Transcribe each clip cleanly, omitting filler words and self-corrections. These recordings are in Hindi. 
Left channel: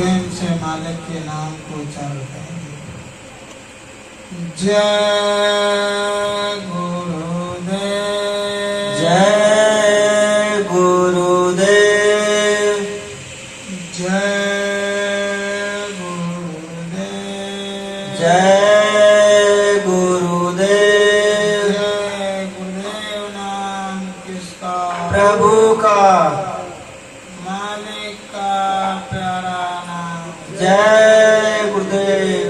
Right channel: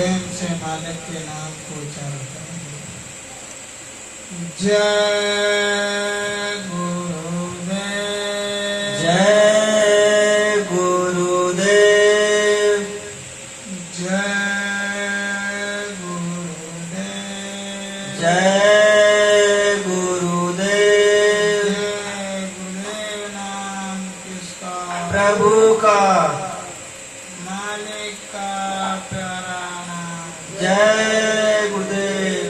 प्रेम से मालिक के नाम को उच्चारण करेंगे। जय गुरुदेव, जय गुरुदेव, जय गुरुदेव, जय गुरुदेव। जय गुरुदेव नाम किसका? प्रभु का। मालिक का प्यारा नाम। जय गुरुदेव,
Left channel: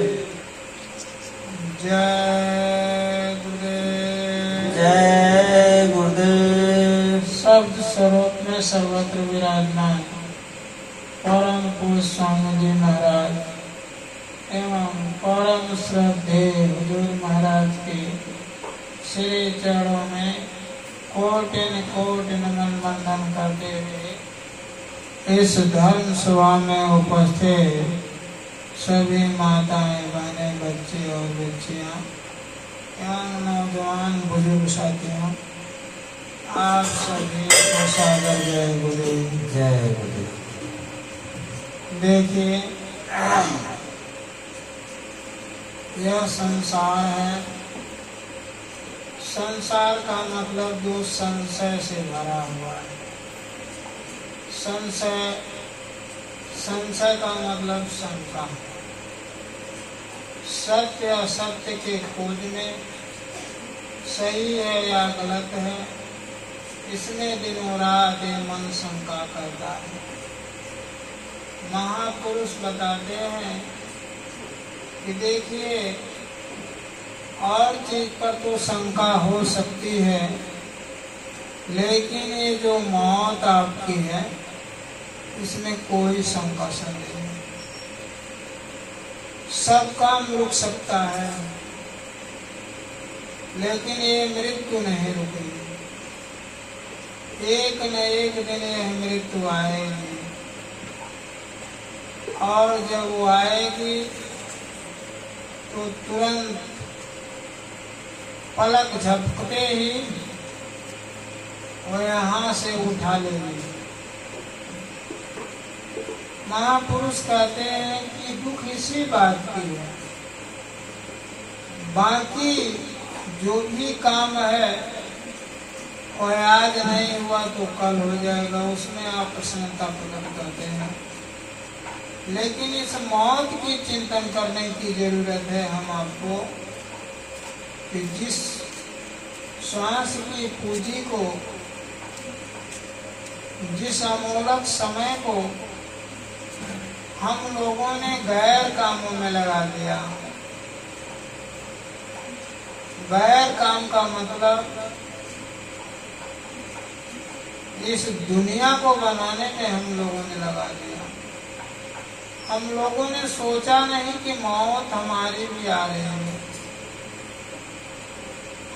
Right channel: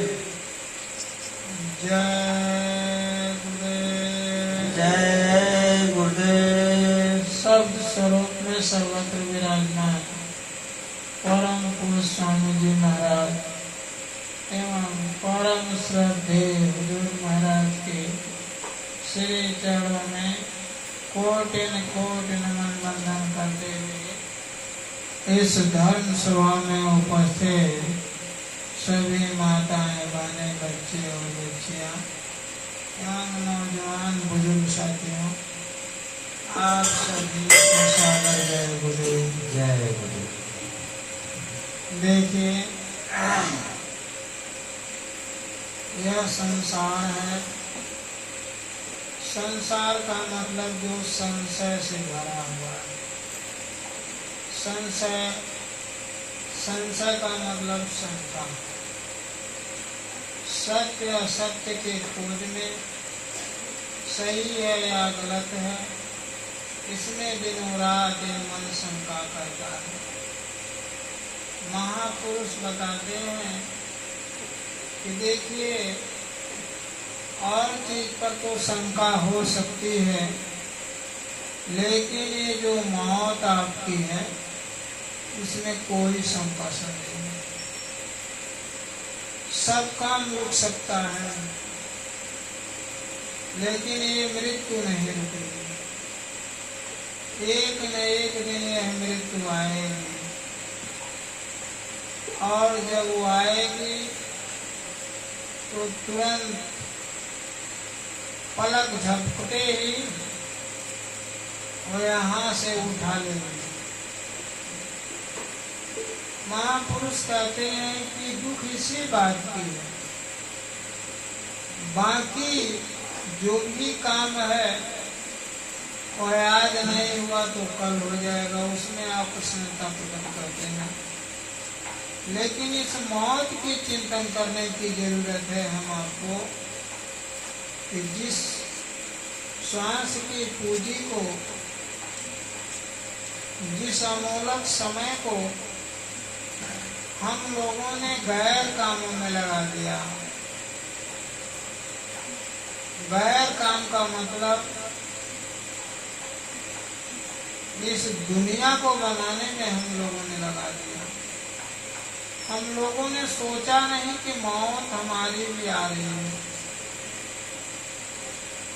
जय गुरुदेव, जय गुरुदेव। शब्द स्वरूप में सर्वत्र विराजमान परम पूज्य स्वामी जी महाराज एवं परम श्रद्धेय हुजूर महाराज के श्री चरणों में कोटिन कोटिन नमन वंदन करते हुए इस धर्म सभा में उपस्थित सभी माताएं, बहनें, बच्चे और बच्चियां एवं नौजवान बुजुर्ग साथियों, आप सभी को सादर जय गुरुदेव। जय गुरुदेव। देखिए, यह संसार है। संसार का मतलब जो संशय से भरा हुआ है। संशय, संशय का मतलब शंका। सत्य असत्य के खोज में सही है या गलत है, इसमें दिनों रात मन शंका करता है। महापुरुष बताते हैं कि देखिए, और चीज पर तो शंका हो सकती है, लेकिन ये जो मौत आपकी है, इसमें कोई शंका से नहीं। सब काम रुक सकता है, लेकिन ये मृत्यु नहीं रुकेगी। एक न एक दिन यह मृत्यु आएगी, और जब वो आएगी तो तुरंत पलक झपकते ही वो यहाँ से उठा लेगी। महापुरुष कहते हैं कि दुख इसी बात की है, बाकी जो भी काम है वह आज नहीं हुआ तो कल हो जाएगा, उसमें आप प्रसन्नता प्रकट करते हैं। लेकिन इस मौत की चिंतन करने की जरूरत है हम आपको कि जिस श्वास की पूंजी को, जिस अमूलक समय को हम लोगों ने गैर कामों में लगा दिया। गैर काम का मतलब इस दुनिया को बनाने में हम लोगों ने लगा दिया। हम लोगों ने सोचा नहीं कि मौत हमारी भी आ रही है।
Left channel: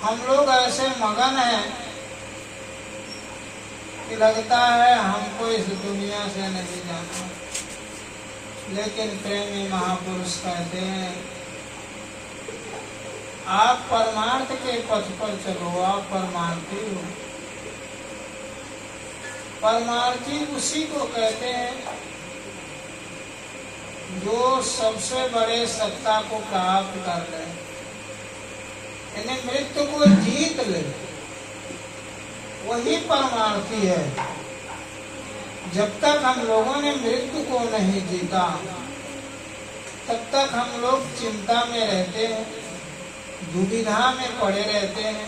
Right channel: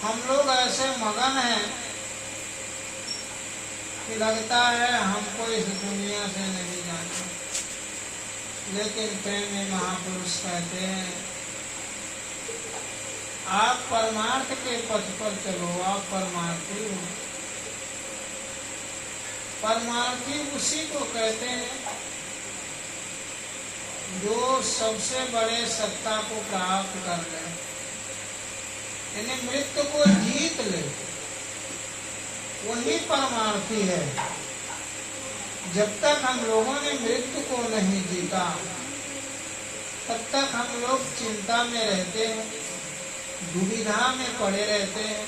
हम लोग ऐसे मगन हैं कि लगता है हमको इस दुनिया से नहीं जाना। लेकिन प्रेमी महापुरुष कहते हैं, आप परमार्थ के पथ पर चलो, आप परमार्थी हो। परमार्थी उसी को कहते हैं जो सबसे बड़े सत्ता को प्राप्त कर ले, यानी मृत्यु को जीत ले, वही परमार्थी है। जब तक हम लोगों ने मृत्यु को नहीं जीता, तब तक हम लोग चिंता में रहते हैं, दुविधा में पड़े रहते हैं।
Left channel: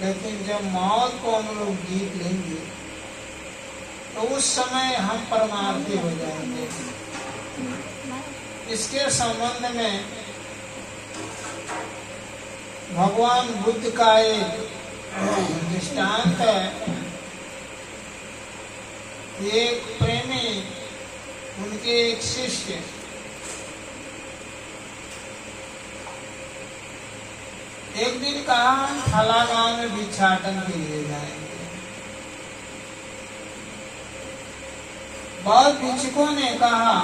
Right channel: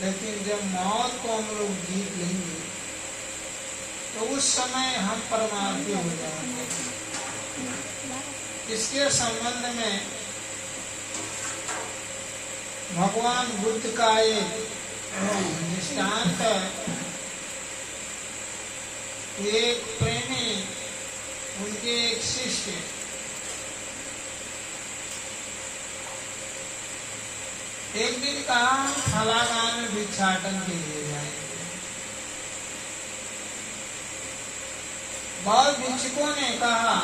लेकिन जब मौत को हम लोग जीत लेंगे तो उस समय हम परमार्थी हो जाएंगे। इसके संबंध में भगवान बुद्ध का एक दृष्टांत है। एक प्रेमी, उनके एक शिष्य एक दिन कहा, फला गांव में भिक्षाटन के लिए जाएंगे। बहुत भिक्षुकों ने कहा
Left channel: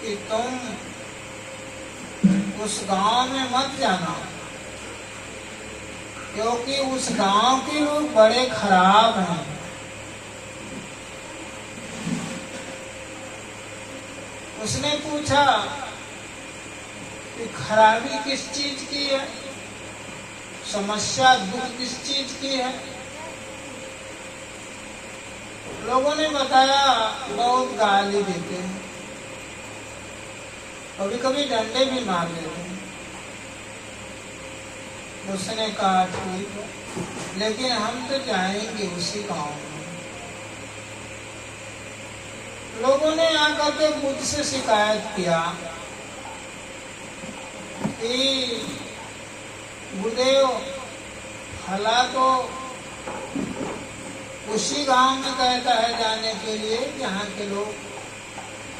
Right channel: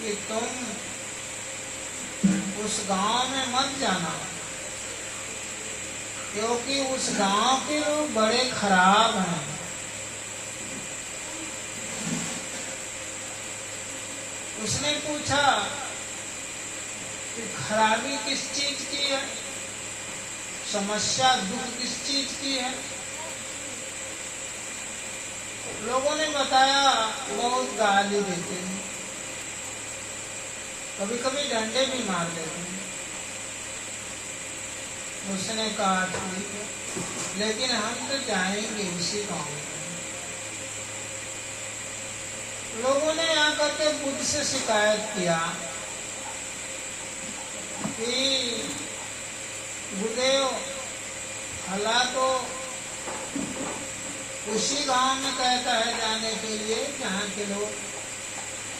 कि तुम उस गांव में मत जाना, क्योंकि उस गांव के लोग बड़े खराब हैं। उसने पूछा कि खराबी किस चीज की है, समस्या दुख किस चीज की है। लोगों ने बताया बहुत गाली देते हैं, कभी कभी डंडे भी मार देते हैं। उसने कहा ठीक है, लेकिन हम तो जाएंगे उसी गांव में। लोगों ने आकर के बुद्ध से शिकायत किया कि गुरुदेव भला तो उसी गांव में कहता है जाने के लिए जहाँ के लोग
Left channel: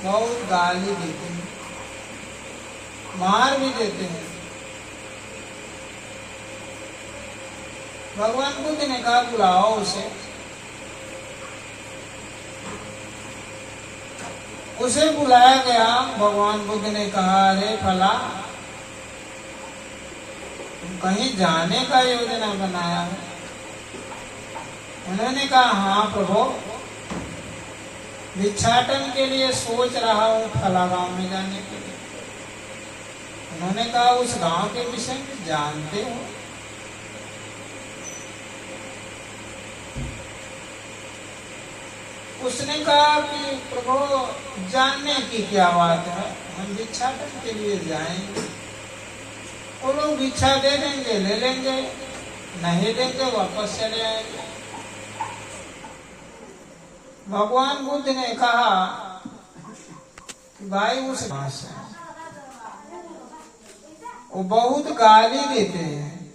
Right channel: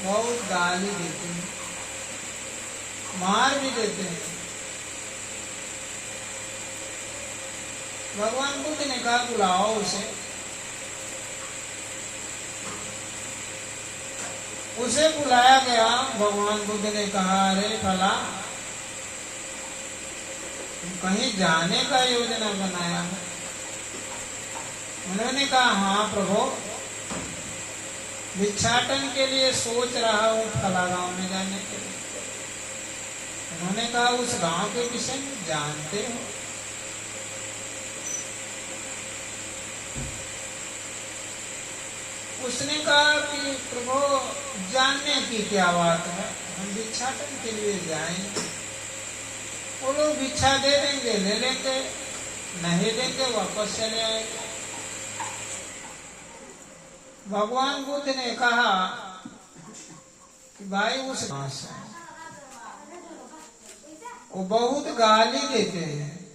बहुत गाली देते हैं, मार भी देते हैं। भगवान बुद्ध ने कहा बुलाओ उसे। उसे बुलाया गया। भगवान बुद्ध ने कहा अरे फला, कहीं जाने का योजना बनाया है? उन्होंने कहा हाँ प्रभु, भिक्षाटन के लिए सोच रहा हूँ फला गांव में जाने के लिए। उन्होंने कहा उस गांव के विषय में जानते हो? उसने कहा कि प्रभु जानने की क्या बात है, हम भिक्षाटन के लिए जाएंगे। वो लोग भिक्षा दे देंगे, ले लेंगे, नहीं देंगे वापस चले आएंगे। भगवान बुद्ध ने कहा कि भाई उस भाषा वो बहुत गाली देते हैं।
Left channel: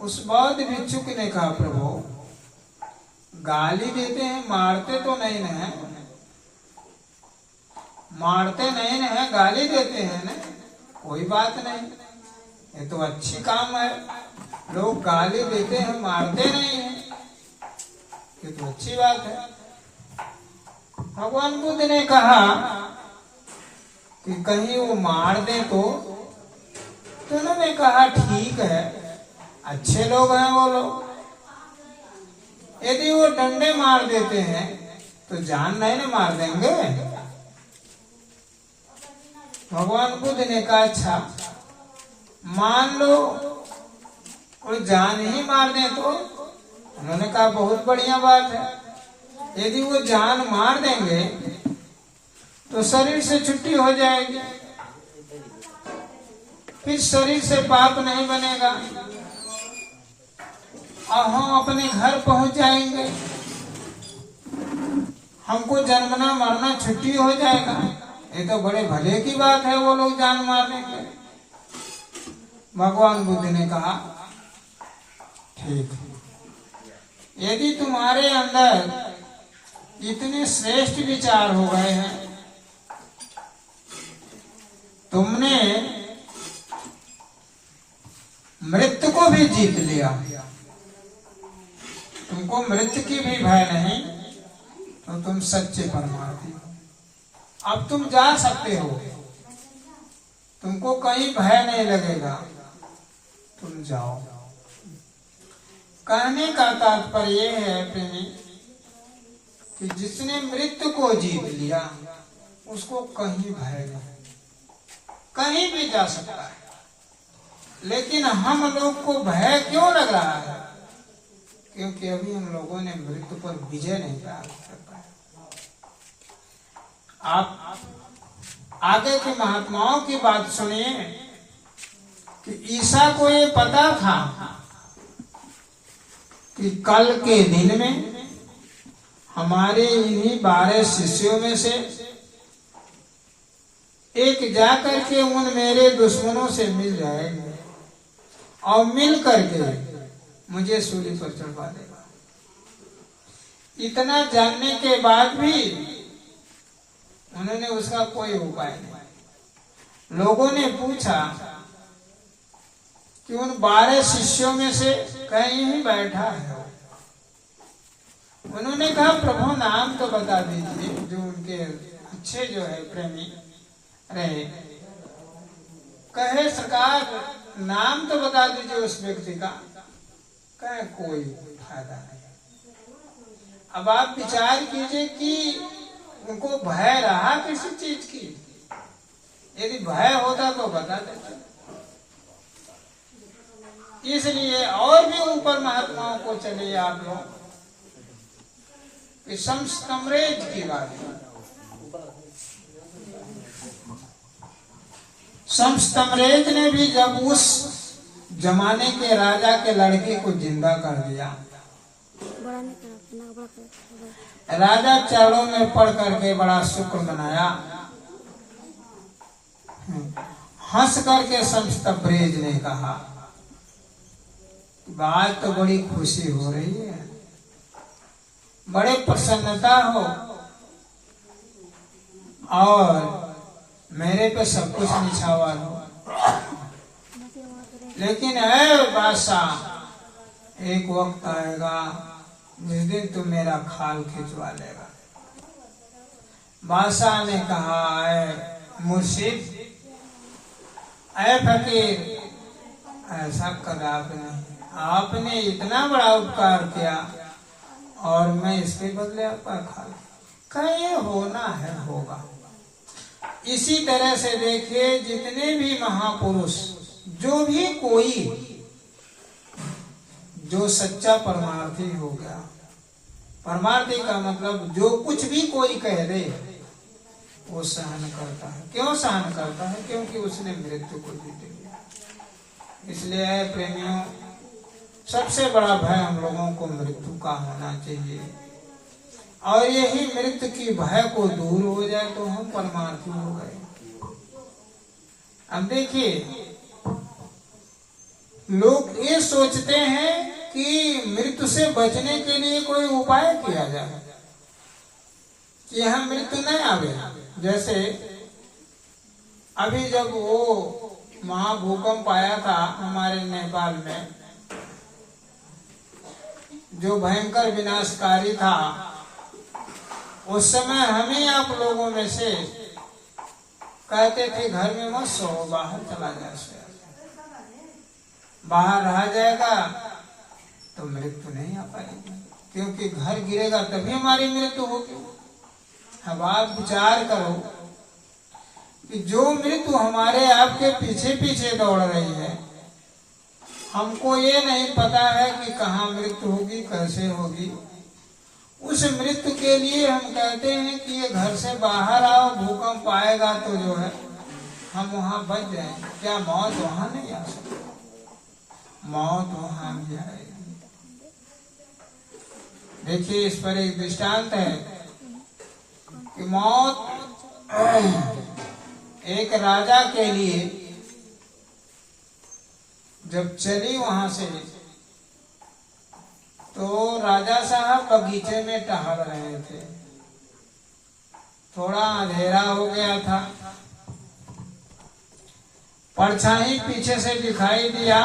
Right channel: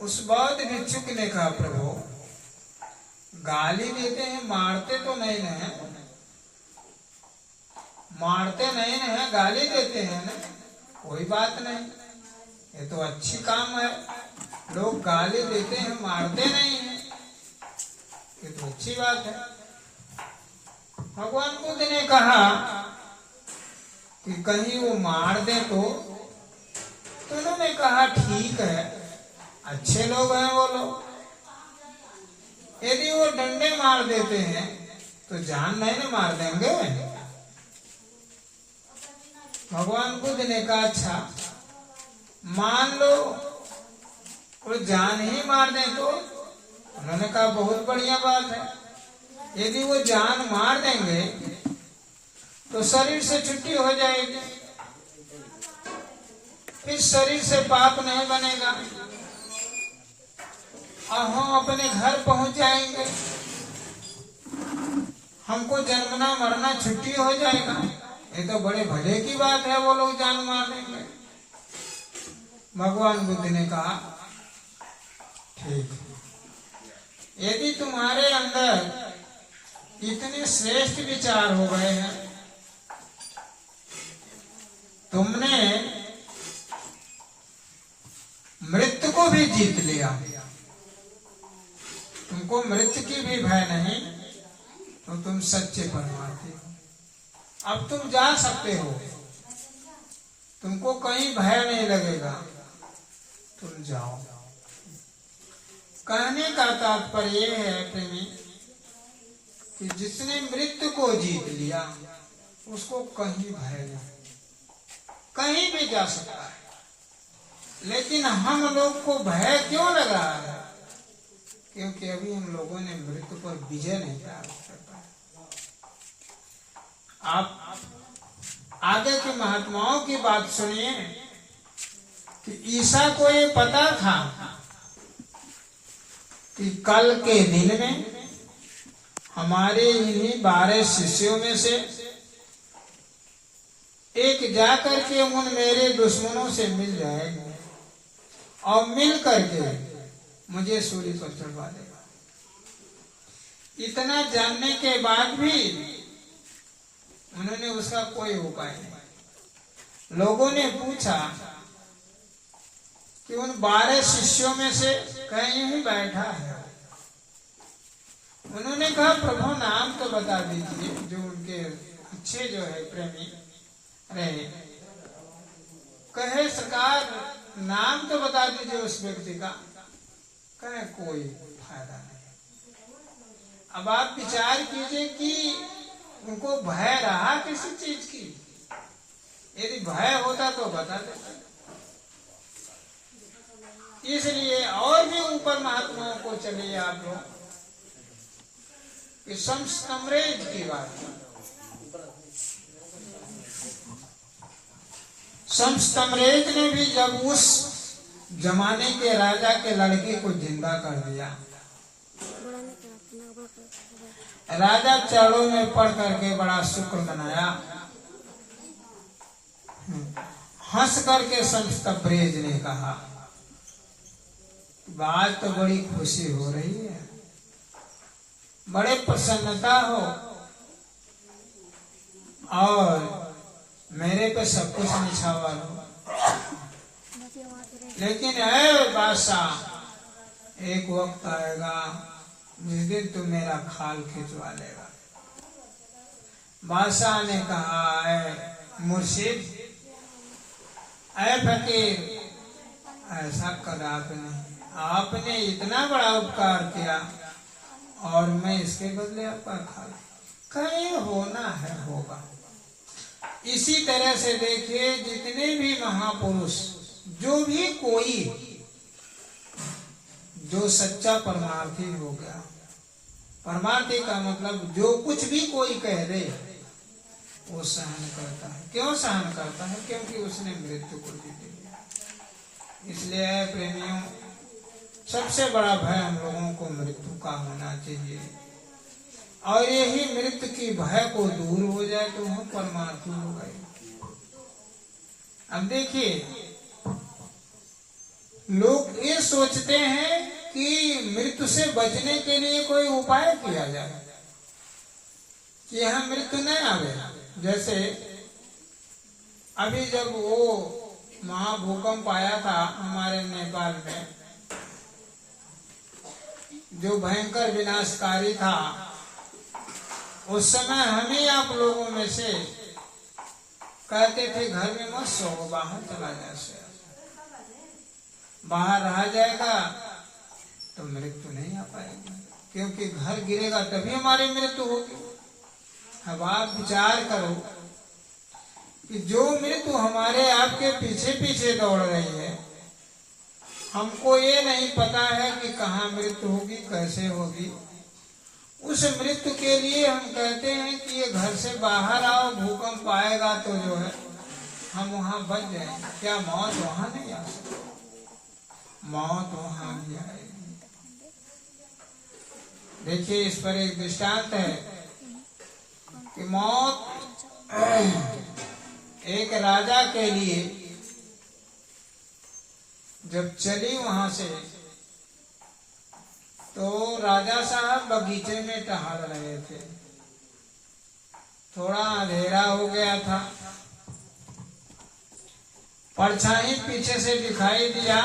उस बौद्ध भिक्षुक ने कहा प्रभु गाली देते हैं, मारते तो नहीं है, मारते नहीं है, गाली देते हैं ना, कोई बात नहीं, ये तो अच्छी काम है। लोग गाली देते हैं, मारते नहीं है, ये तो अच्छी बात है। भगवान बुद्ध ने कहा कि कहीं वो मार दे तो उन्होंने कहा ठीक है, अच्छे लोग हैं वो लोग। यदि वो डंडे मार देते हैं तो जान नहीं ना मार देंगे। भगवान बुद्ध ने कहा अच्छा मान लो वो जान ही मार दें तो? उन्होंने कहा बहुत बढ़िया बात है। यदि वो जान मार देंगे तो शरीर से छुट्टी हो जाएगी, फिर शरीर से पाप नहीं बनेगा और हम अपने घर पहुंच जाएंगे, हमको जन्मना मरना छुट्टी हो जाएगा। ये तो बड़े भले की बात है, वो लोग जान मार देंगे। भगवान बुद्ध ने कहा ठीक है, यदि तुम्हारे अंदर इतने श्रेष्ठ विचार हो गए हैं, तुमने मृत्यु को भी जीत लिया, तुमको मृत्यु की भी भय नहीं, तो तुम सच्चे परमार्थी हो। अब तुम जा सकते हो, तुमको कहीं भय नहीं लगेगा, तुम जाओ। कहने का तात्पर्य है प्रेमी कि जिसने मृत्यु को जीत लिया उसको कहीं भय नहीं, कहीं भी जा सकता है। लेकिन हम लोग को भय क्यों लग रहा है? क्योंकि अभी हम लोगों ने मृत्यु पर विजय नहीं प्राप्त कर पाया। आप आगे के महात्माओं की बात सुनिए कि ईसा को ये पता था कि कल के दिन में हमारे इन्हीं 12 शिष्यों में से एक जाकर के उन मेरे दुश्मनों से मिल जाएगा और मिल करके मुझे सूली पर चढ़वा देगा। इतना जानने के बाद भी उन्होंने उसका कोई उपाय नहीं। लोगों ने पूछा कि उन 12 शिष्यों में से कहीं ही बैठा है? उन्होंने कहा प्रभु नाम तो बता दीजिए, जो उनके अच्छे जो है प्रेमी रहे। कहे सरकार नाम तो बता दीजिए उस व्यक्ति का। कहे कोई फायदा नहीं। अब आप विचार कीजिए कि उनको भय रहा किसी चीज की? यदि भय होता तो बता देते। इसलिए और भी ऊपर महात्माओं को चलिए आप लोग कि संस्तमरेज की बात है। संस्तमरेज ने भी जब उस जमाने के राजा के लड़के को जिंदा कर दिया, राजा चरणों में पड़ करके बड़ा शुक्र मनाया। हंस करके संस्तमरेज ने कहा, बात तो बड़ी खुशी हो रही है, बड़े प्रसन्नता हो, और मेरे पे सब कुछ निछावर हो, लेकिन है बादशाह, एक वक्त आएगा जिस दिन तू मेरा खाल खिंचवा लेगा। बादशाह ने कहा, ऐ मुर्शिद, ऐ फकीर, ऐसा कदापि नहीं, आपने इतना बड़ा उपकार किया और मैं इसके बदले आपका खाल, कहीं होना है होगा। इसी तरह से देखिए, जितने भी महापुरुष, जो भी कोई जो सच्चा परमार्थी हो गया, परमार्थी का मतलब जो कुछ भी कोई कह दे वो सहन करता है। क्यों सहन करता है? क्योंकि उसने मृत्यु को जीत लिया। इसलिए प्रेमियों, सबसे बड़ा भय हम लोगों को मृत्यु का होना चाहिए, और यही मृत्यु की भय को दूर हो जाए तो हम परमार्थी हो गए। अब देखिए, लोग ये सोचते हैं कि मृत्यु से बचने के लिए कोई उपाय किया जाए कि यहाँ मृत्यु नहीं आवे। जैसे अभी जब वो महाभूकंप आया था हमारे नेपाल में, जो भयंकर विनाशकारी था, उस समय हमें आप लोगों में से कहते थे घर में मत सो, बाहर चला जा, बाहर रहा जाएगा तो मृत्यु नहीं आ पाएगी, क्योंकि घर गिरेगा तभी हमारी मृत्यु होगी। अब आप विचार करो कि जो मृत्यु हमारे आपके पीछे पीछे दौड़ रही है, हमको ये नहीं पता है कि कहाँ मृत्यु होगी, कैसे होगी। उस मृत्यु के लिए हम कहते हैं कि ये घर से बाहर आओ, भूकंप आएगा तो जो है हम वहां बच जाएंगे। क्या मौत वहां नहीं आ सकती? मौत वहां भी आएगी। देखिए, इस पर एक दृष्टांत है कि मौत एक राजा के लिए जब चली वहां से, तो राजा साहब बगीचे में टहल रहे थे। थोड़ा अंधेरा हो गया था, परछाई पीछे से दिखाई दिया।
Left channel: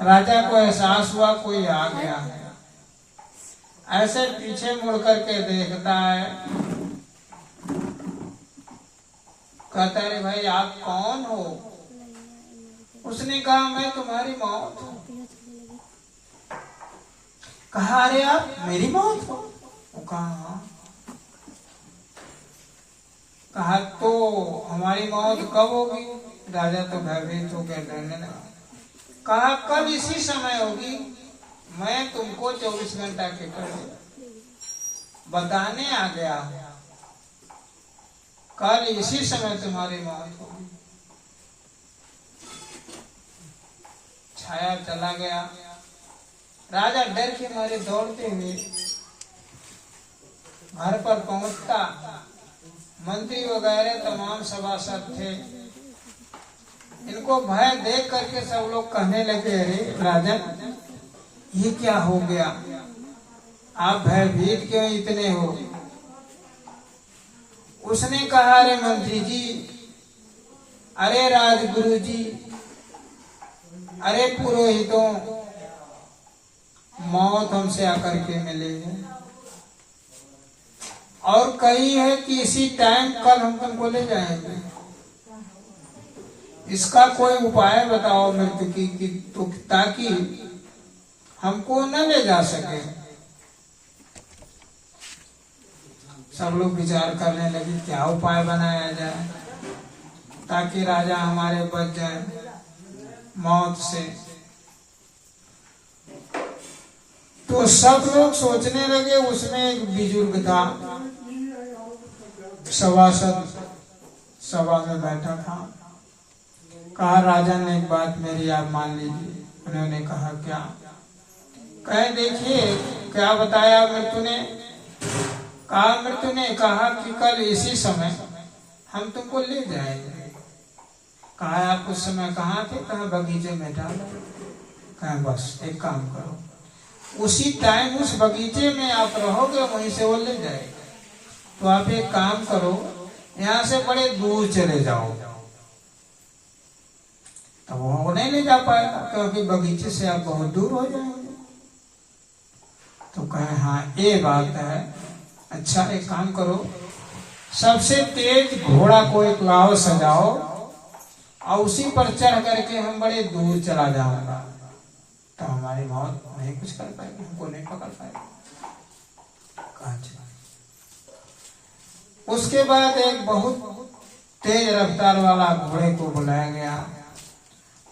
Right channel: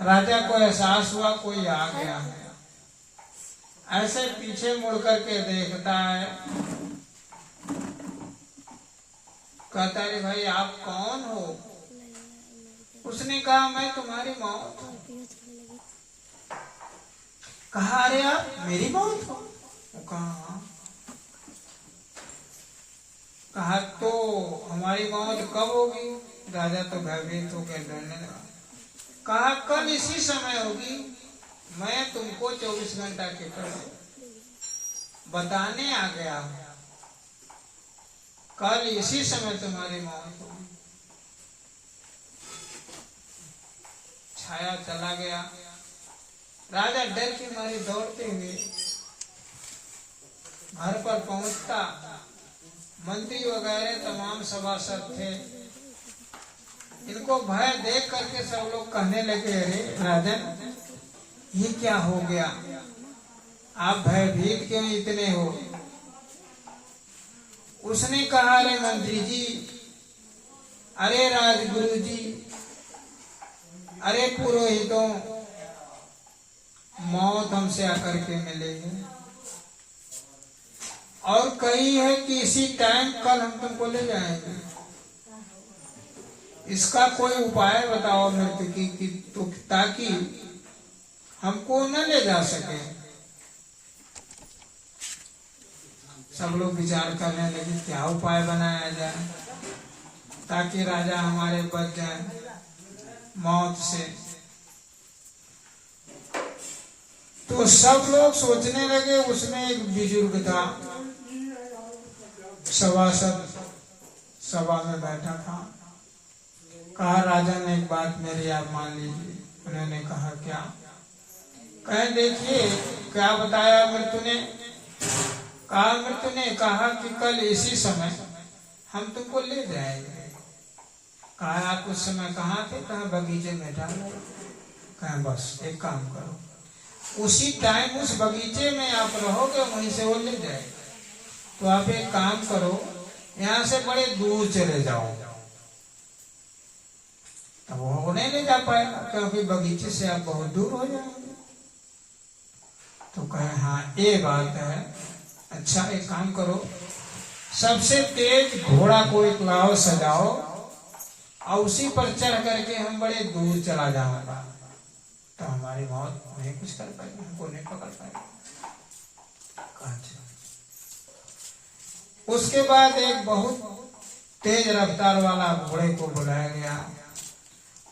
राजा को एहसास हुआ कोई आ गया है। ऐसे पीछे मुड़ करके देखता है, कहता है, भाई आप कौन हो? उसने कहा, मैं तुम्हारी मौत हूँ। कहा, अरे आप मेरी मौत हो? वो कहा, कहा तो हमारी मौत कब होगी? राजा तो भयभीत हो गया, डरने लगा। कहा, कल इसी समय होगी, मैं तुमको 24 घंटा के बताने आ गया, कल इसी समय तुम्हारी मौत होगी। छाया चला गया। राजा डर के मारे दौड़ते हुए घर पर पहुंचता, मंत्री वगैरह तमाम सभासद थे, इनको भय देख करके सब लोग कहने लगे, अरे राजन, ये क्या हो गया? आप भयभीत क्यों इतने हो? उसने कहा, अरे मंत्री जी, अरे राजगुरु जी, अरे पुरोहितों, मौत हमसे आकर के मिले है और कही है कि इसी टाइम कल हम तुमको ले जाएंगे। इसका कोई उपाय बताओ मृत्यु की तो, ताकि हमको न ले जा सके। सब लोग विचार करने लगे क्या उपाय बनाया जाए ताकि राजा हमारे बच जाए मौत से। तो सब लोग सोचने लगे। उसमें एक बुजुर्ग था, सभासद सभा में बैठा था। कहा राजा ने एक बात मेरी आप मान लीजिए। उन्होंने कहा क्या? कहे देखिए क्या बताया मृत्यु ने? कहा मृत्यु ने कहा कि कल इसी समय हम तुमको ले जाएंगे। कहा आप उस समय कहाँ थे? कहा बगीचे में था। कहा बस एक काम करो, उसी टाइम उस बगीचे में आप रहोगे, वहीं से वो ले जाएगा। तो आप एक काम करो, यहाँ से बड़े दूर चले जाओ। तो वो नहीं ले जा पाएगा क्योंकि बगीचे से आप बहुत दूर हो जाएंगे। तो कहे हाँ ये बात है। अच्छा एक काम करो, सबसे तेज घोड़ा को एक लाओ, सजाओ और उसी पर चढ़ करके हम बड़े दूर चला जाऊंगा, तो हमारी मौत नहीं कुछ कर पाएगी, हमको नहीं पकड़ पाएगा। उसके बाद एक बहुत तेज रफ्तार वाला घोड़े को बुलाया गया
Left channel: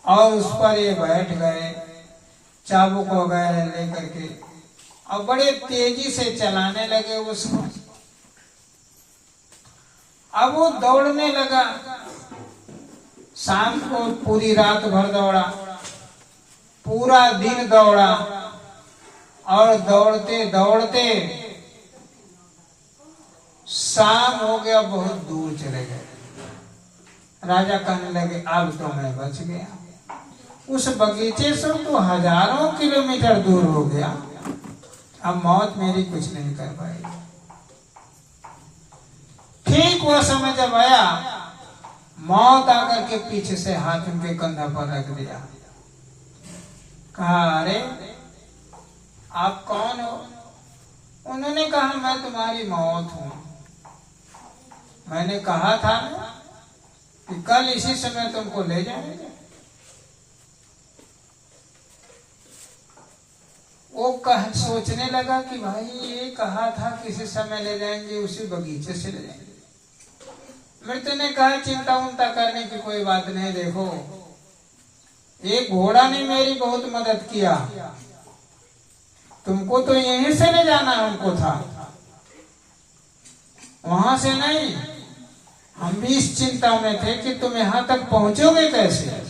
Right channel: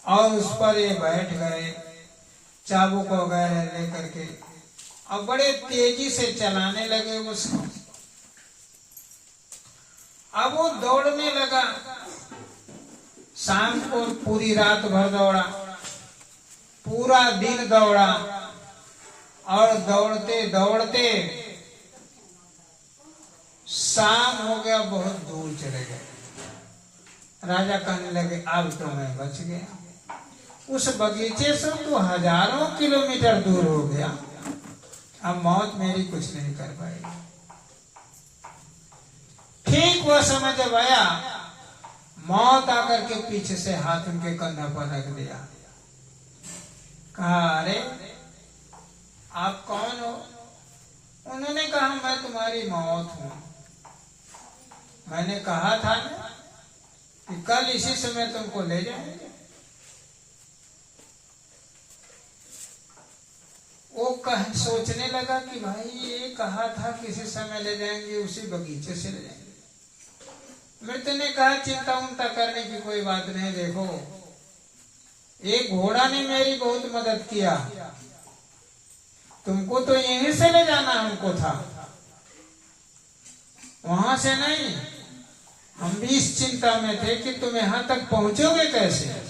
और उस पर ये बैठ गए, चाबुक हो गए लेकर के, और बड़े तेजी से चलाने लगे उसको। अब वो दौड़ने लगा। शाम को पूरी रात भर दौड़ा, पूरा दिन दौड़ा और दौड़ते दौड़ते शाम हो गया, बहुत दूर चले गए। राजा कहने लगे अब तो मैं बच गया। उस बगीचे से तो हजारों किलोमीटर दूर हो गया, अब मौत मेरी कुछ नहीं कर पाएगी। ठीक वह समय जब आया, मौत आकर के पीछे से हाथ उनके कंधा पर रख दिया। कहा अरे आप कौन हो? उन्होंने कहा मैं तुम्हारी मौत हूं। मैंने कहा था कि कल इसी समय तुमको ले जाएंगे। वो सोचने लगा कि भाई ये कहा था किसी समय ले जाएंगे, उसी बगीचे से ले जाएंगे। मृत्यु ने कहा चिंता उन्ता करने की कोई बात नहीं, देखो एक घोड़ा ने मेरी बहुत मदद किया, तुमको तो यहीं से ले जाना हमको था, वहां से नहीं। हम भी इस चिंता में थे कि तुम यहां तक पहुंचोगे कैसे,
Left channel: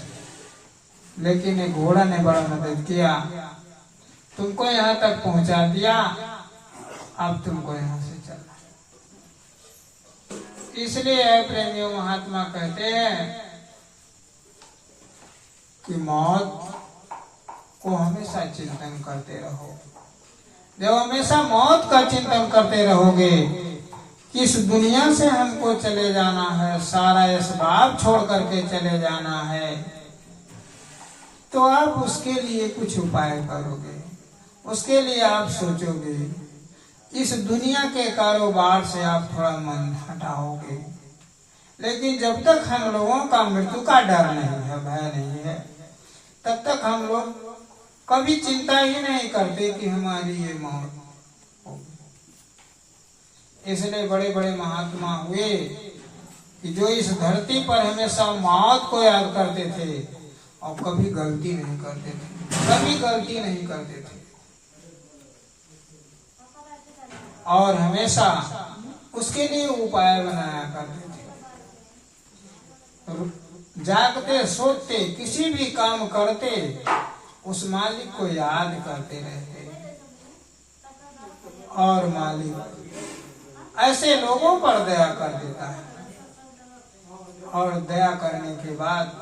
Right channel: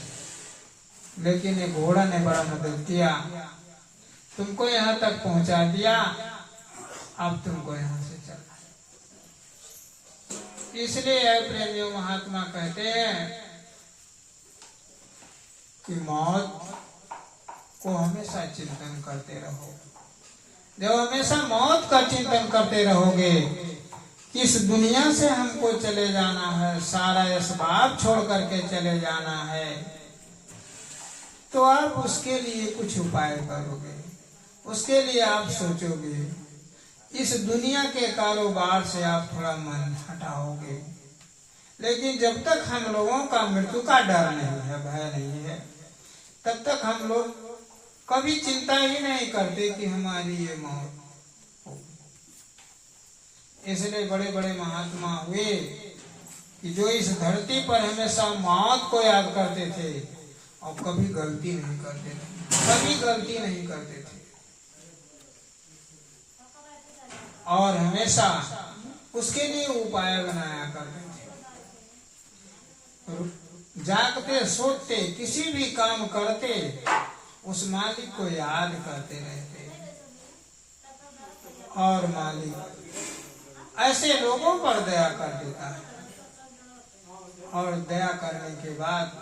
लेकिन एक घोड़ा ने बड़ा मदद किया, तुमको यहाँ तक पहुंचा दिया, अब तुमको यहाँ से चलना। इसलिए प्रेमियों महात्मा कहते हैं कि मौत को हमेशा चिंतन करते रहो। जब हमेशा मौत का चिंतन करते रहोगे, किस दुनिया से हमको चले जाना है, सारा असबाब छोड़ करके चले जाना है, तो आप उसके लिए कुछ उपाय करोगे, उसके लिए आप सोचोगे। इस दुनिया के कारोबार से आप थोड़ा मन हटाओगे। लेकिन जब तक हम लोगों का मृत्यु का डर नहीं है, भय नहीं है, तब तक हम लोग कभी चिंता ही नहीं करते कि हमारी ये मौत होगी। इसलिए बड़े बड़े महात्मा हुए कि जो इस धरती पर हमेशा मौत को याद करते थे और कभी गलती नहीं करते थे, कभी गलती नहीं करते थे, और हमेशा उसके लिए उपाय बनाया करते थे। जागते सोते किसी भी काम करते उस मालिक को याद करते रहते, और मालिक ऐसे लोगों पर दया कर देता है, और दया करने के बाद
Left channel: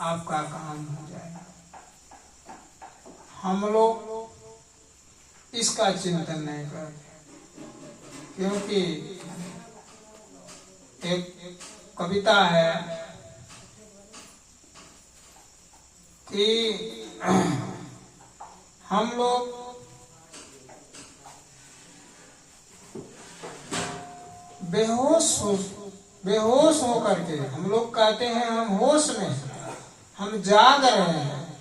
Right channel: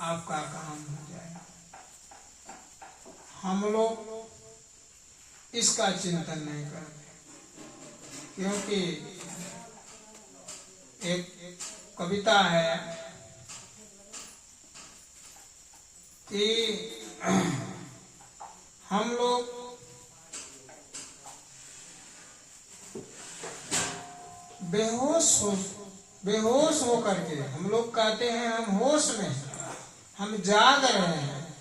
आपका काम हो जाएगा। हम लोग इसका चिंतन नहीं करते, क्योंकि एक कविता है कि हम लोग बेहोश हो करके, हम लोग कहते हैं हम होश में, हम जाग रहे हैं,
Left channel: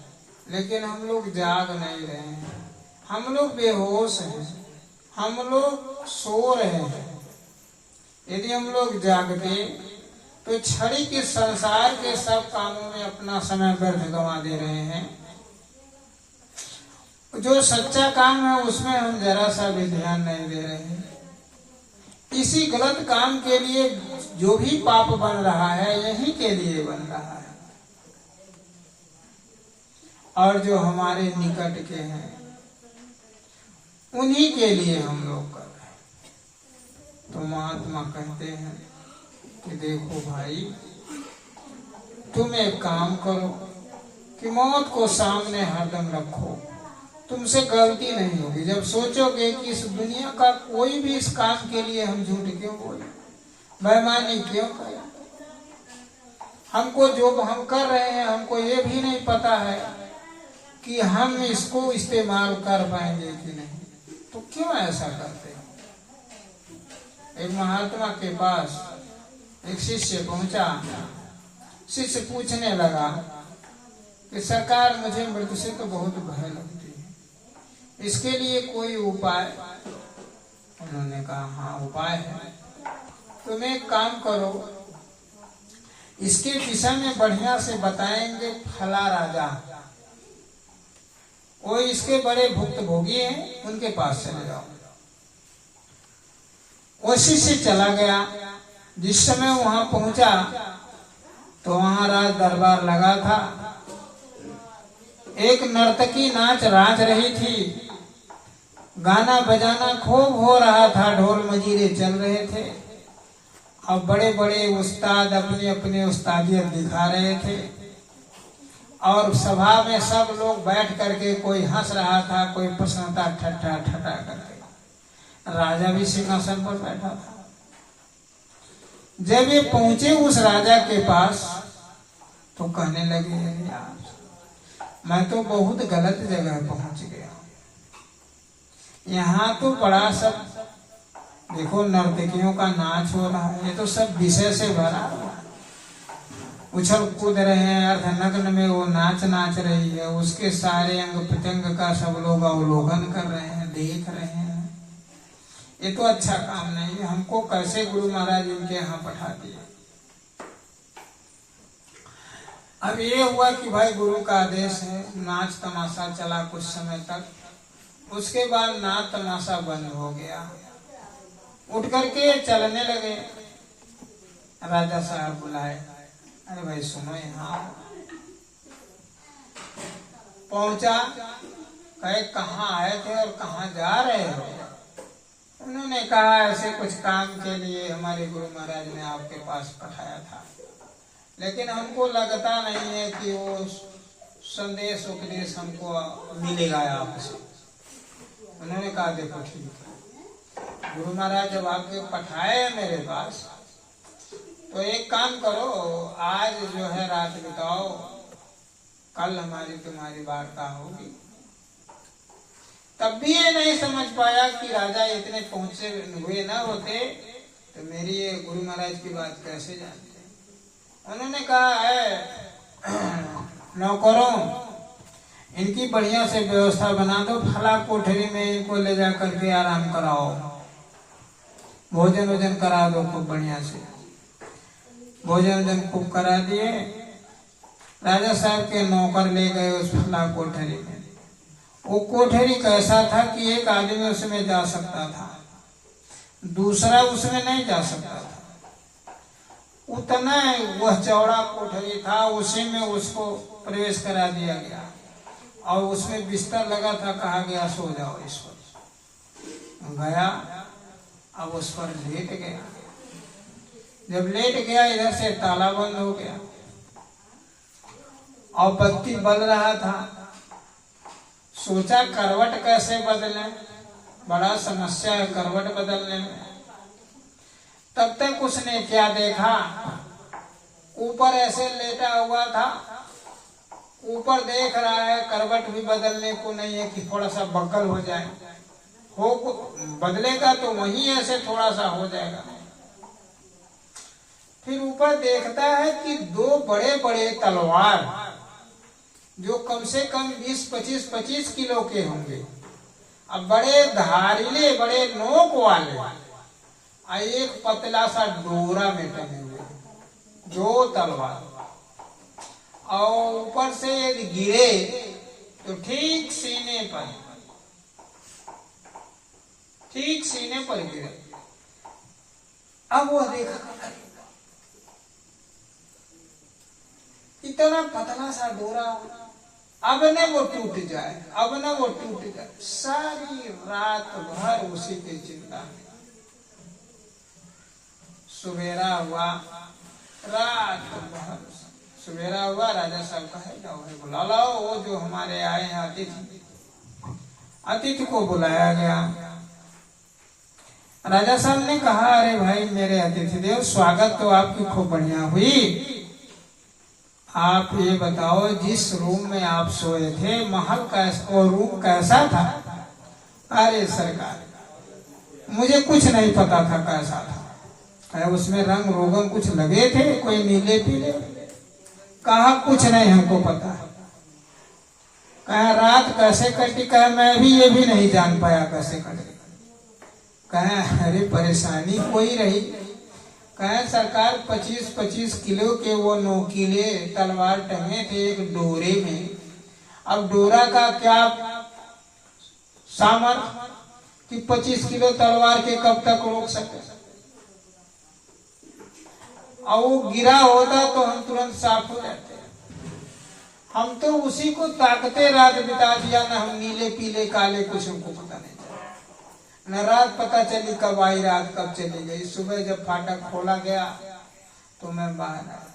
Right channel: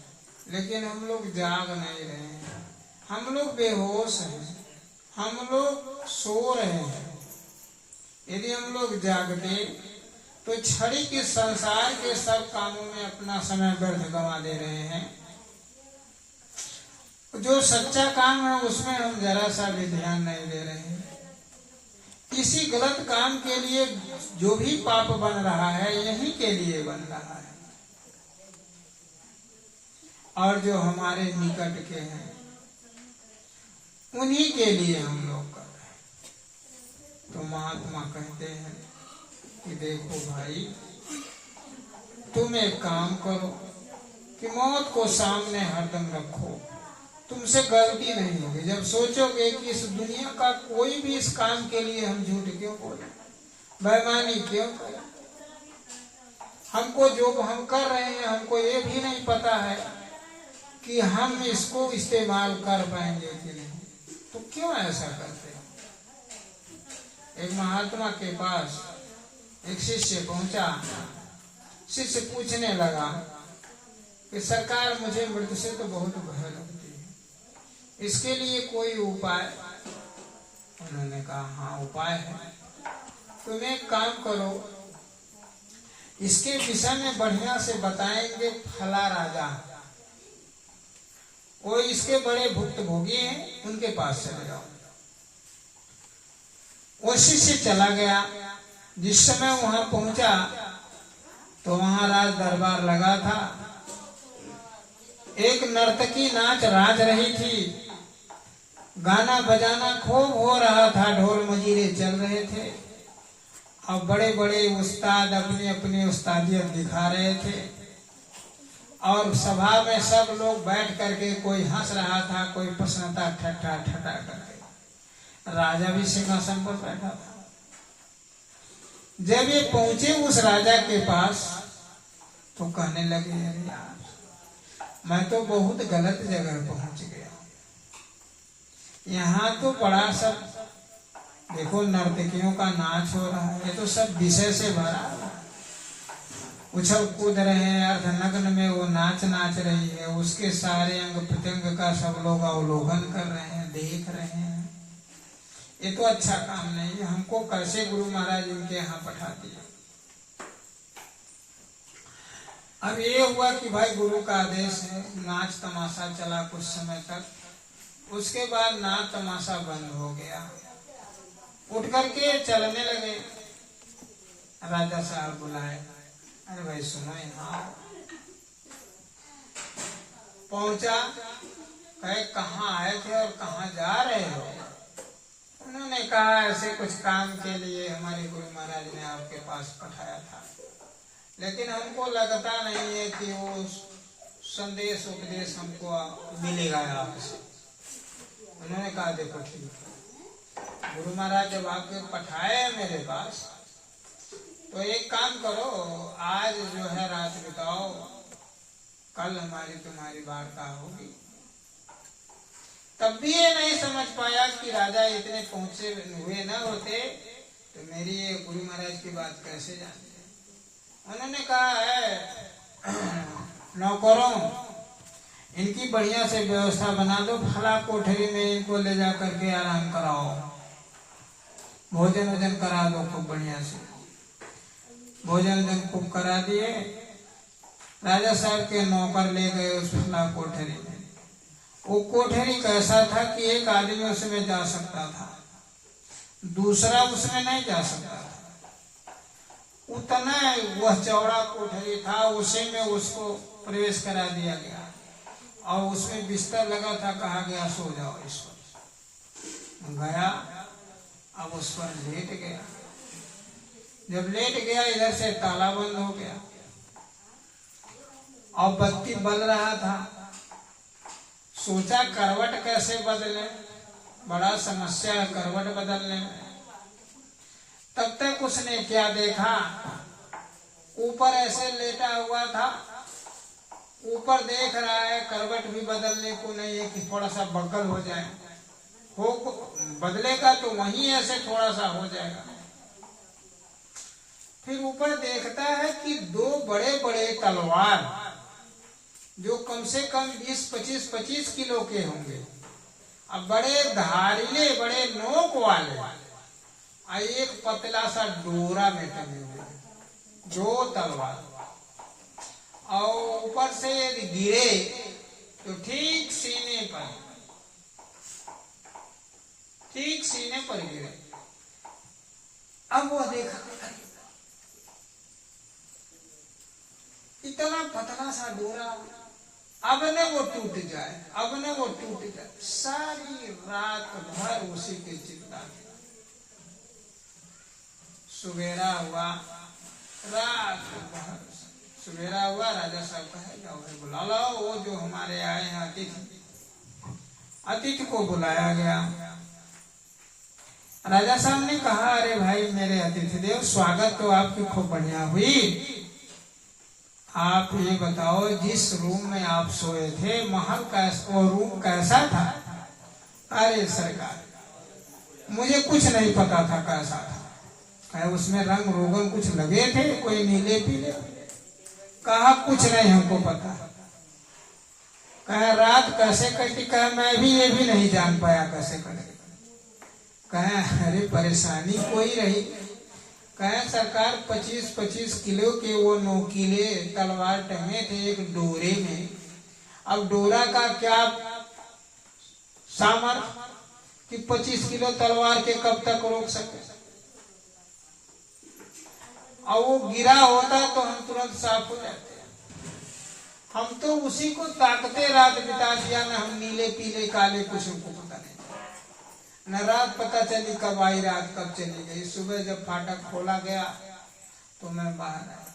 लेकिन हम लोग जाग नहीं रहे हैं, हम लोग बेहोश हैं, हम लोग सो रहे हैं, यदि हम लोग जागते तो छड़ी के संसार के सब कामों में अपना समय व्यर्थ गंवा दे रहे हैं। जो सच्चा काम है उसमें हम जरा सा भी ध्यान नहीं दे रहे हैं। इसी गलत काम के लिए जो भी पाप बन रहा है यही के लिए बन रहा है, और जो हमारे निकट के हैं उन्हीं के लिए हम लोग कर रहे हैं। तो महात्मा कहते हैं कि देखो भाई, तुम एक काम करो कि मौत को सामने हरदम रखो, तुमसे गलती नहीं होगी। जब सोचोगे कि इस दुनिया का कोई भी इस काम के लिए हम झूठ क्यों बोले, बेईमानी क्यों करें, हमको जो हम कर रहे हैं हमको ये भी नहीं पता है कि हम इसको इस्तेमाल कर पाएंगे कि नहीं, तो क्यों ऐसा करते हैं। एक महात्मा के पास एक शिष्य पहुंचा। शिष्य पूछने लगा कि सरकार, मुझे मृत्यु से तो बहुत भय लगती है, इसके लिए कोई उपाय। उन्होंने कहा हाँ उपाय है, तुम एक काम करो, इसके विषय में बढ़िया से बताएंगे फला राजा, वो इसके बड़े भुक्तभोगी हैं, उनके पास चले जाओ। वो शिष्य चला गया। जिस समय वहां पहुंचा तो वहां राज दरबार लगा था। एक नर्तकी नाच राज रही थी, गाना बजाना खूब हो रहा था, ढोल मजीरे चल रहे थे, और बड़े बड़े उस्ताद अपने अपने उस्तादियत दिखा रहे थे, और सभा में सब लोग बैठ करके कोई हंस रहा था, कोई प्रसन्नता ठट्ठा ठट्ठा करके। राजा भी सिंहासन पर बैठा था। जब ये पहुंचे उस राजा के पास तो कहने लगे, यार मैं तो बहुत गलत जगह पहुंच गया, यहाँ तो बड़ा सब देखो नर्तकियों का नाच हो रहा है, ये तो सब विषय से भरा है, उछल कूद रहे हैं, अर्धनग्न में वो नाच रही है, उसके सारे अंग प्रत्यंग का सब लोग अवलोकन कर रहे हैं, देख रहे हैं। ये तो अच्छा काम नहीं है, हमको कैसे गुरु महाराज इनके यहाँ पठा दिया। अब ये हुआ कि भाई गुरु का आदेश है, नाच तमाशा चला कुछ समय तक, उसके बाद नाच तमाशा बंद हो गया। उठ करके चलने लगे। राजा साहब बुलाए, अरे भाई सुनो यहाँ। पहुंचा, कहे कहाँ आए थे और कहाँ जा रहे हो। उन्होंने कहा ऐसे कुछ काम के लिए हमारे गुरु महाराज ने आपके पास पठाया था, लेकिन हमको लगता नहीं है कि वो संदेश उपदेश हमको मिलेगा आपसे। उन्होंने कहा देखो ठीक है, गुरु महाराज जब आपके पठाए हैं मेरे पास, तो एक काम करो, आज जो है रात बिताओ, कल हमारी तुम्हारी वार्ता होगी। तब भी ये नहीं समझ पाया कि राजा इतने पहुंचे हुए न होते तो मेरी ये गुरु महाराज की बात कैसे जानते। उन्होंने कहा है नौकरों, इनकी बढ़िया से व्यवस्था बना दो, फला कोठरी में इनको ले जा करके आराम कराओ, भोजन वोजन करा दो खूब बढ़िया से। भोजन वोजन खूब करा दिए। राजा साहब के नौकर ले गए उस फला कोठरी में। वो कोठरी कैसा था कि एक आदमी उसमें जा सकता था, दूसरा उसमें नहीं जा सकता था। उतना वह चौड़ा कोठरी था, उसी में उसको प्रवेश करा दिया गया, और उसमें बिस्तर लगा था, कहा गया सो जाओ इस पर। गया, अब उस पर लेट गया। जब लेट गया, इधर से ताला बंद हो गया और बत्ती बल रहा था। सोचा करवट कैसे बदले, बड़ा समस्या है करवट बदलने में। तब तक उसने क्या देखा, ऊपर ऐसे लेटा हुआ था, ऊपर देख रहा है करवट भी बदलने को नहीं है कि थोड़ा सा बगल हो जाए, हो बदलेगा तो वहीं ऐसे थोड़ा सा हो जाएगा। फिर ऊपर देखता है कि दो बड़े बड़े तलवार जो कम से कम 20-25 किलो के होंगे, अब बड़े धारिले, बड़े नोक वाले, एक पतला सा डोरा में टंगे हुए, 2 तलवार, और ऊपर से यदि गिरे तो ठीक सीने पर गिरे। अब वो देखा इतना पतला सा डोरा, अब न वो टूट जाए, सारी रात भर उसी के चिंता में। सवेरा हुआ, राजा साहब कहे बुला लाओ वो जो हमारे आए हैं अतिथि को बुलाया गया। राजा साहब ने कहा, अरे भाई मेरे अतिथि देव, स्वागत तो आपकी खूब बढ़िया हुई। आप ये बताओ, जिस रूम में आप सोए थे महल कैसा, वो रूम कैसा था? अरे सरकार, मुझे कुछ नहीं पता था कैसा था। उसमें रंग रोगन कुछ लगे थे, कोई नीले पीले? कहा कुछ नहीं हमको पता। कहा रात कैसे कटी? कहा मैं भी ये भी नहीं जान पाया कैसे कटी। कहा अरे परेशानी कोई रही? कहा सरकार 25-25 किलो के वो नोकीले तलवार टंगे थे एक डोरे में। अब डोरा का क्या सामर्थ्य कि 25 किलो तलवार के कब तक रोक सके? और वो गिरा होता तो हम तुरंत साफ हो जाते। हम तो उसी को ताकते रात बिता दिया, न हम नीले पीले काले कुछ हमको पता नहीं चला, न रात पता चली कब आई रात कब चली गई। सुबह जब फाटक खोला गया तो मैं बाहर आया,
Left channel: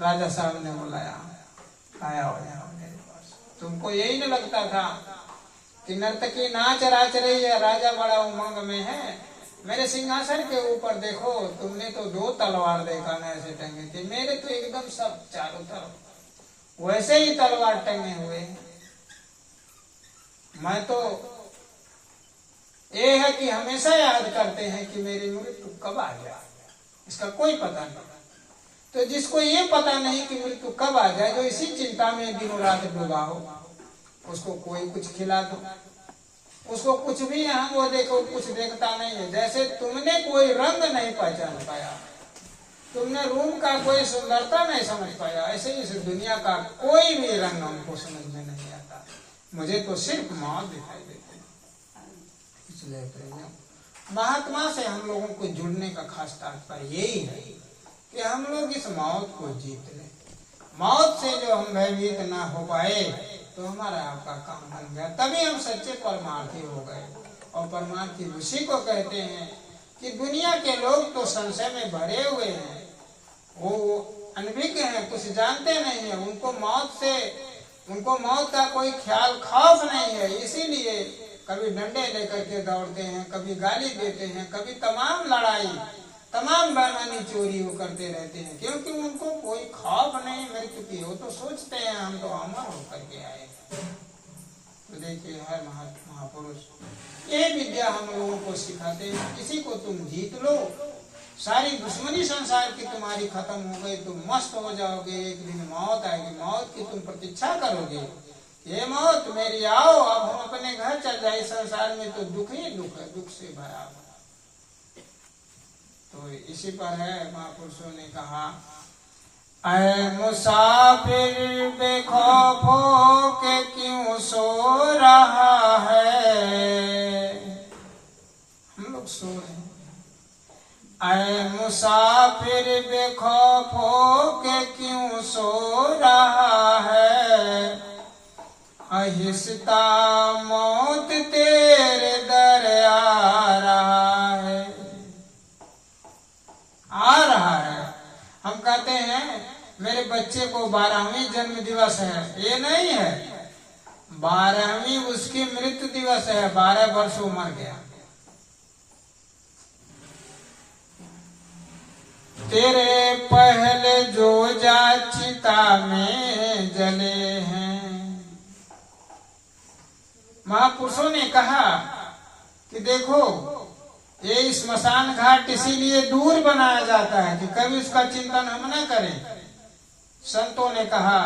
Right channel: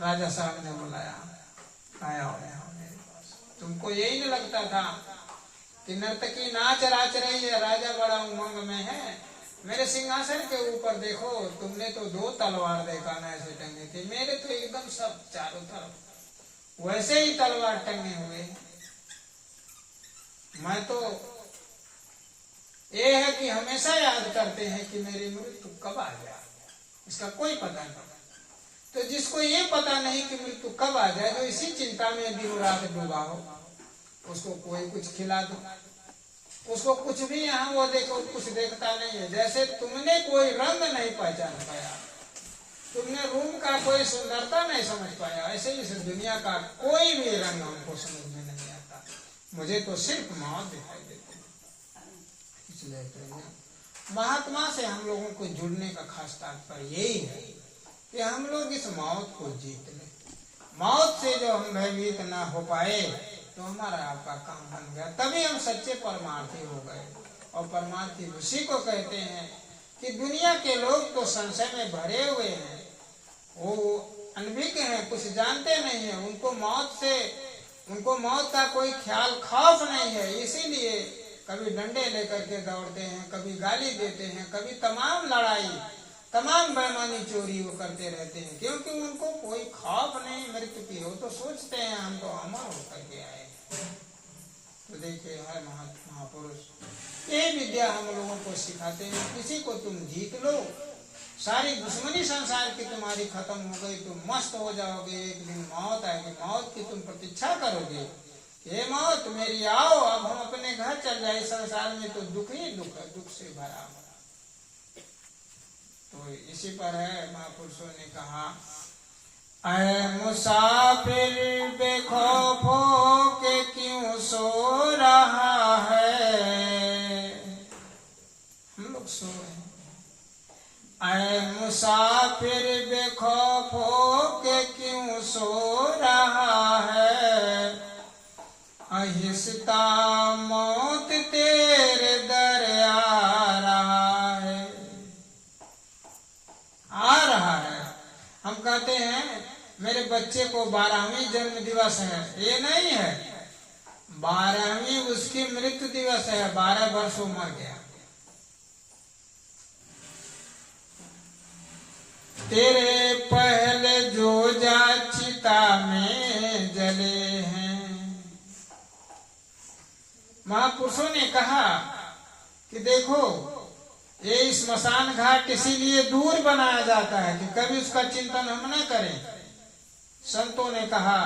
राजा साहब ने बुलाया, आया मेरे पास। तुमको यही न लगता था कि नर्तकी नाच राच रही है, राजा बड़ा उमंग में है? मेरे सिंहासन के ऊपर देखो, तुमने तो 2 तलवार देखा ना ऐसे टंगे थे, मेरे तो एकदम सब चारों तरफ वैसे ही तलवार टंगे हुए। मैं तो ये है कि हमेशा याद करते हैं कि मेरी मृत्यु कब आ जाए, इसका कोई पता नहीं। तो जिसको ये पता नहीं कि मृत्यु कब आ जाए, जो इसी चिंता में दिनों रात डूबा हो, उसको कोई कुछ खिला दो, उसको कुछ भी यहाँ वो देखो कुछ देखता नहीं है। जैसे तुमने कोई रंग नहीं पहचान पाया, तुमने रूम का कोई सुंदरता नहीं समझ पाया, ऐसे इस दुनिया का कोई भी रंग हमको समझ में नहीं आता। मुझे तो सिर्फ मौत दिखाई देती है। इसलिए महात्मा से हम लोगों को जुड़ने का खास तात्पर्य यही है कि हम लोग इस मौत को जीत लें। मौत से जो हम भयभीत ना हो पाए तो हमारा आपका काम बन गया, तभी हम सच्चे परमार्थी हो गए। और परमार्थी उसी को कहते हैं कि दुनिया के लोग तो संशय में भरे हुए हैं, वो अनभिज्ञ हैं, कुछ जानते नहीं है, उनको मौत का कोई ख्याल खौफ नहीं है। इसीलिए कभी डंडे लेकर के दौड़ते हैं, कभी गाली देते हैं, कभी तमाम लड़ाई, तमाम बेईमानी चोरी वो करते रहते हैं, क्योंकि उनको कोई खौफ नहीं मृत्यु की। वो तो सोचते हैं हम तो अमर होकर के आए। तो देखिए हर महापुरुष यही विद्या हम लोगों को सिखाते हैं। किसी को तुम जीत लो, सारी दुश्मनी संसार की तुम्हारी खत्म हो गई, तुम मस्त हो जाओगे। एक दिन मौत आएगी, मौत की तुम प्रतीक्षा करोगे, हे मौत मेरी आओ, अब हम अपने घर चल जाए। संसार में तो दुख ही दुख है, दुख से भरा। तो इसी पर है महापुरुषों ने कहा, ऐ मुसाफिर बेखौफ हो के क्यों सो रहा है। हम लोग सो रहे हैं। ऐ मुसाफिर बेखौफ हो के क्यों सो रहा है। अहिंसता मौत तेरे दर आ रहा है। हम कहते हैं मेरे बच्चे को 12वीं जन्म दिवस है, ये नहीं है, 12वीं उसकी मृत्यु दिवस है। 12 वर्ष वो मर गया। तेरे पहले जो जा चिता में जले हैं। महापुरुषों ने कहा कि देखो ये स्मशान घाट इसीलिए दूर बनाया जाता है कि कभी उसका चिंतन हम न करें। संतों ने कहा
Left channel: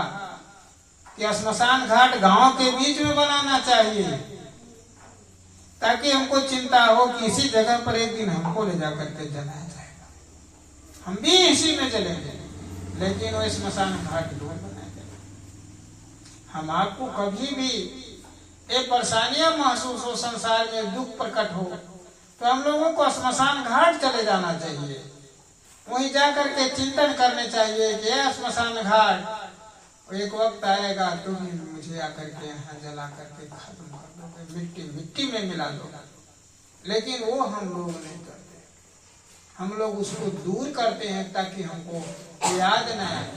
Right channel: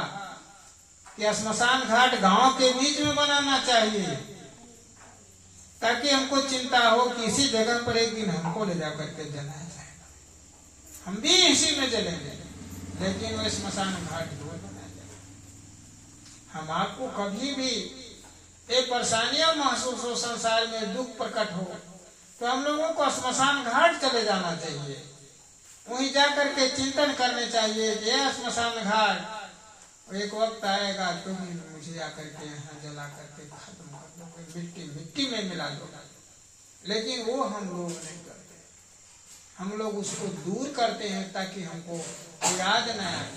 कि स्मशान घाट गांव के बीच में बनाना चाहिए, ताकि हमको चिंता हो कि इसी जगह पर एक दिन हमको ले जाकर के जलाया जाएगा, हम भी इसी में जलेंगे, लेकिन वो स्मशान घाट दूर बनाया जाएगा। हम आपको कभी भी एक परेशानियां महसूस हो, संसार में दुख प्रकट हो, तो हम लोगों को स्मशान घाट चले जाना चाहिए, वहीं जाकर के चिंतन करने चाहिए कि यह स्मशान घाट एक वक्त आएगा तुम मुझे आकर के यहाँ जला करके खत्म कर दोगे, मिट्टी मिट्टी में मिला दोगे। लेकिन वो हम लोग नहीं करते, हम लोग उसको दूर करते हैं ताकि हमको याद न आए।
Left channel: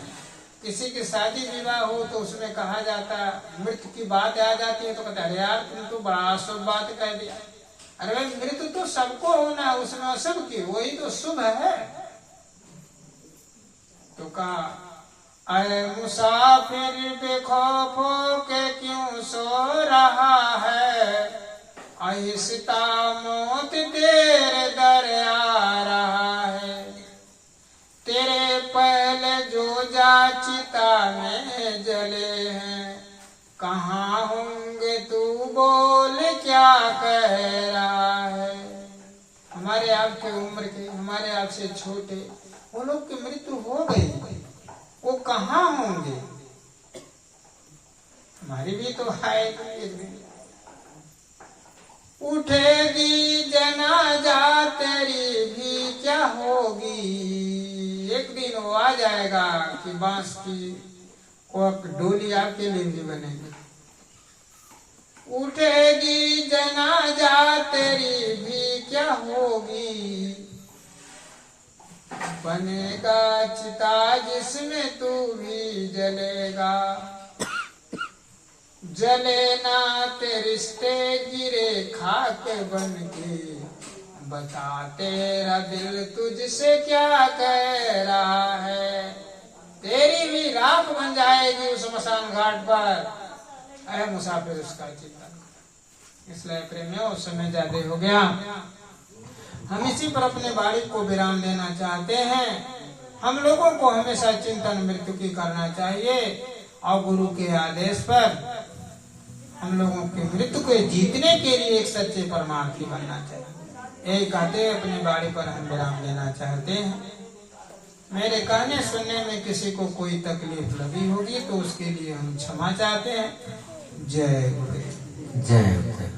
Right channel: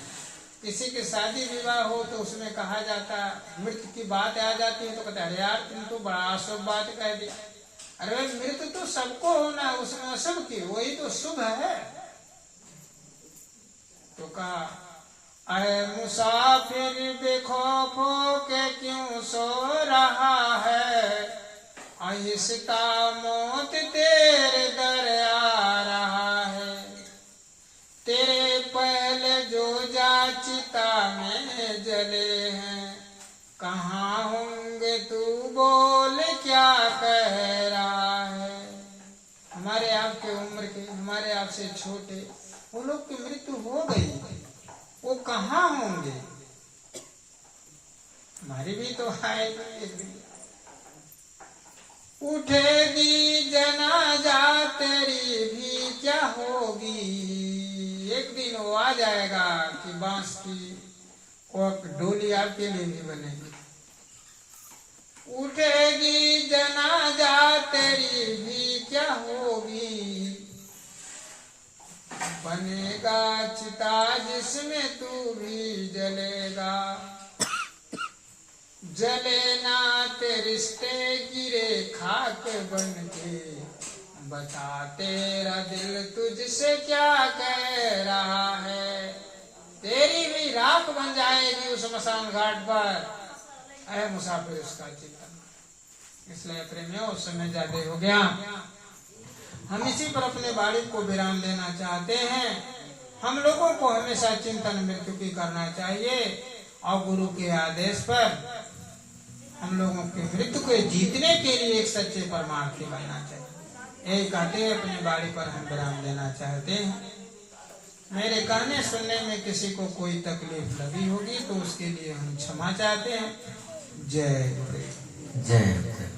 किसी की शादी विवाह हो तो उसमें कहा जाता, मृत्यु की बात आ जाती है तो कहते अरे यार तुम तो बड़ा शुभ बात कह दिया। अरे भाई मृत्यु तो सबको होना है, उसमें अशुभ की, वही तो शुभ है। तो कहा अरे मुसाफिर बेखौफों के क्यों सो रहा है, आहिस्ता मौत तेरे दर आ रहा है। तेरे पहले जो जाचिता में जले हैं, कहाँ होंगे तू बोल क्या कह रहा है। हमारे आपके उम्र के, हमारे आपसे छोटे वो लोग की मृत्यु हो गई, वो कहाँ होंगे, हमारी भी तो आएगी एक दिन। उठेगी जनाजा तेरी भी क्या होगी, एक दिन वो आ जाएगा कि बांस की वो डोली आपके लिए भी बनेगी। उठेगी जनाजा तेरी भी क्या होगी, बनेगा चिता जिसमें तू भी जलेगा। जले ना ते रिश्ते गिरे खाक बन के, बता तेरा दिल तुझसे क्या कह रहा है। तेरी भी राख बन जाएगी उस स्मशान घाट पर। अरे मुसाफिर उसका चिंतन। इसलिए प्रेमियों उस समय ज्यादा हो गया, हम इसी पर अपने वाणी को विराम देना चाहते हैं। हम लोगों को हमेशा चिंतन मृत्यु की करना चाहिए और गुरु के आदेश पर हम लोगों के मृत्यु को जीतने के लिए एक सच्चे परमार्थी बनना चाहिए। यही कहते अपनी वाणी पर हम विराम देना चाहते हैं। मेरे कहने सुनने में किसी को कोई तकलीफ लगी होगी तो उसके लिए हम क्षमा चाहते हैं। जय गुरु। जय।